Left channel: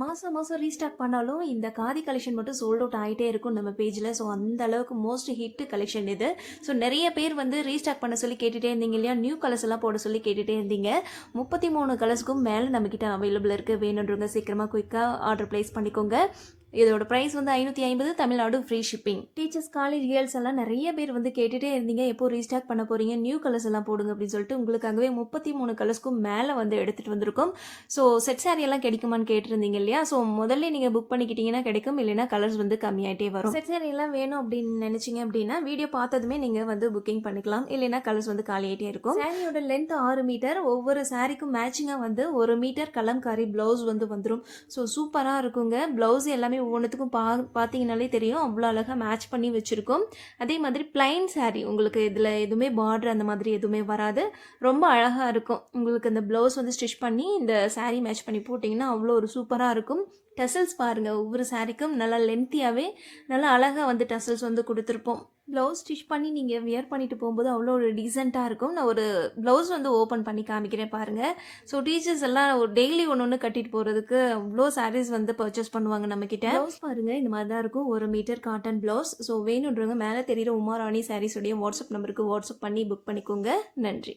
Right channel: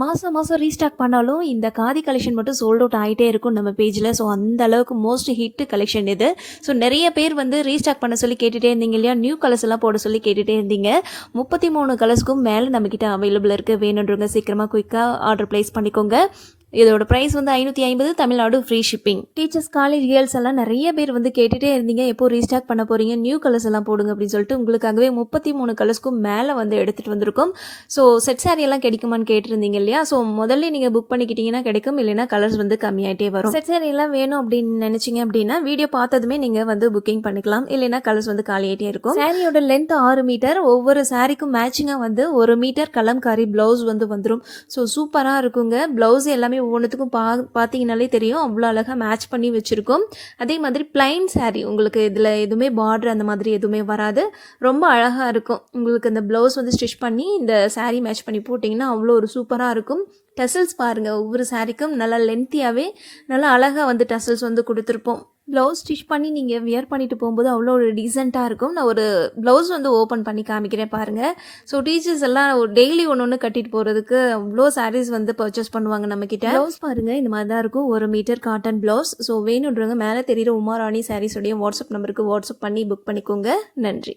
மாதம் மாதம் ரீஸ்டாக் பண்ணாலும் இந்த காதி கலெக்ஷன் மட்டும் சோல்ட் அவுட் ஆகிட்டே இருக்கும் நம்ம பேஜில். ஸோ அந்த அளவுக்கு மோஸ்ட் ஹிட் கலெக்ஷன் இது. ஸோ நிறைய பேர் வந்து ரீஸ்டாக் பண்ண சொல்லி கேட்டுகிட்டே இருந்தீங்க இல்லையா, நியூ கலர்ஸ் எல்லாம் போட சொல்லி கேட்டுகிட்டே இருந்தீங்க. 33 கலர்ஸ்க்கும் மேலே நம்மக்கிட்ட அவைலபிள் இருக்குது. வேணுன்றவங்க சீக்கிரமாக குயிக்காக ஆர்டர் ப்ளேஸ் பண்ணிக்கோங்க. இதோட ப்ரைஸ் வந்து 550, Tamil Nadu free shipping. Teachers, college girls எல்லாம் நிறைய பேர் வந்து கேட்டுகிட்டே இருந்தீங்க, எப்போ ரீஸ்டாக் பண்ண போகிறீங்க, நியூ கலர்ஸ் எல்லாம் போடுங்க அப்படின்னு சொல்லிட்டு உங்களுக்காகவே 33 கலர்ஸ்க்கும் மேலே வந்து எடுத்துகிட்டு வந்திருக்கோம். ஸோ செட் சாரி எல்லாம் கிடைக்குமான்னு கேட்டிருந்தீங்க இல்லையா. ஸோ முதல்ல நீங்கள் புக் பண்ணிக்கிட்டீங்கன்னா கிடைக்கும், இல்லைன்னா கலர்ஸ் வந்து கம்மியாகிட்டே வரும். செட் சாரி எல்லாம் வேணும் அப்படின்னு நினச்சிங்க அப்படின்னா வீடியோ பார்த்ததுமே நீங்கள் வந்து புக்கிங் பண்ணிக்கலாம், இல்லைன்னா கலர்ஸ் வந்து காலியாகிட்டே இருக்கும். சாரியோட லென்த் 6 மீட்டர். ஒவ்வொரு சாரிக்கும் மேட்சிங்காக வந்து 1 மீட்டர் கலம்காரி ப்ளவுஸ் வந்து வந்துடும். ஸோ சூப்பராக இருக்குங்க. ப்ளவுஸ் எல்லாமே ஒவ்வொன்றுத்துக்கும் பார்த்தீங்கனாலே தெரியும், அவ்வளோ அழகாக மேட்ச் பண்ணி வச்சுருக்கோம். அதே மாதிரி பிளைன் சாரீ, உங்களுக்கு இதில் எதுவுமே பார்டர் அந்த மாதிரி எதுவுமே வராது, ரொம்ப அழகாக இருக்கும். உங்களுக்கு இந்த ப்ளவுஸ் வந்து ஸ்டிச் பண்ணி இந்த சாரீ மேட்ச் பண்ணி போட்டிங்கன்னா அவ்வளோ ஒரு சூப்பராக இருக்கும். டசல்ஸ் பாருங்கள், ஒவ்வொரு சாரீக்கும் நல்லா லென்த்தியாகவே நல்லா அழகாக வந்து டசல்ஸ் வந்து கொடுத்துருப்போம். ப்ளவுஸ் ஸ்டிச் பண்ணி நீங்கள் வியர் பண்ணிட்டு போகும்போது அவ்வளோ ஒரு டீசெண்டாக இருக்கும். நான் ஒரு ப்ளவுஸ் வந்து ஓப்பன் பண்ணி காமிக்கிறேன் பாருங்கள். ஸோ டீச்சர்ஸ் எல்லாம் டெய்லி ஒன்று கட்டிட்டு போகிறதுக்கு அவ்வளோ சாரீஸ் வந்து பர்ச்சேஸ் பண்ணுவாங்க நம்மக்கிட்ட. ப்ளவுஸ் பாருங்கள், இந்த மாதிரி தான் இருக்கும், 1 மீட்டர் காட்டன் ப்ளவுஸ். ஸோ வேணுன்றவங்க மேலே தெரிகிற உமாராணி சாரீஸோடைய வாட்ஸ்அப் நம்பருக்கு வாட்ஸ்அப் பண்ணி புக் பண்ணிக்கோங்க. நன்றி.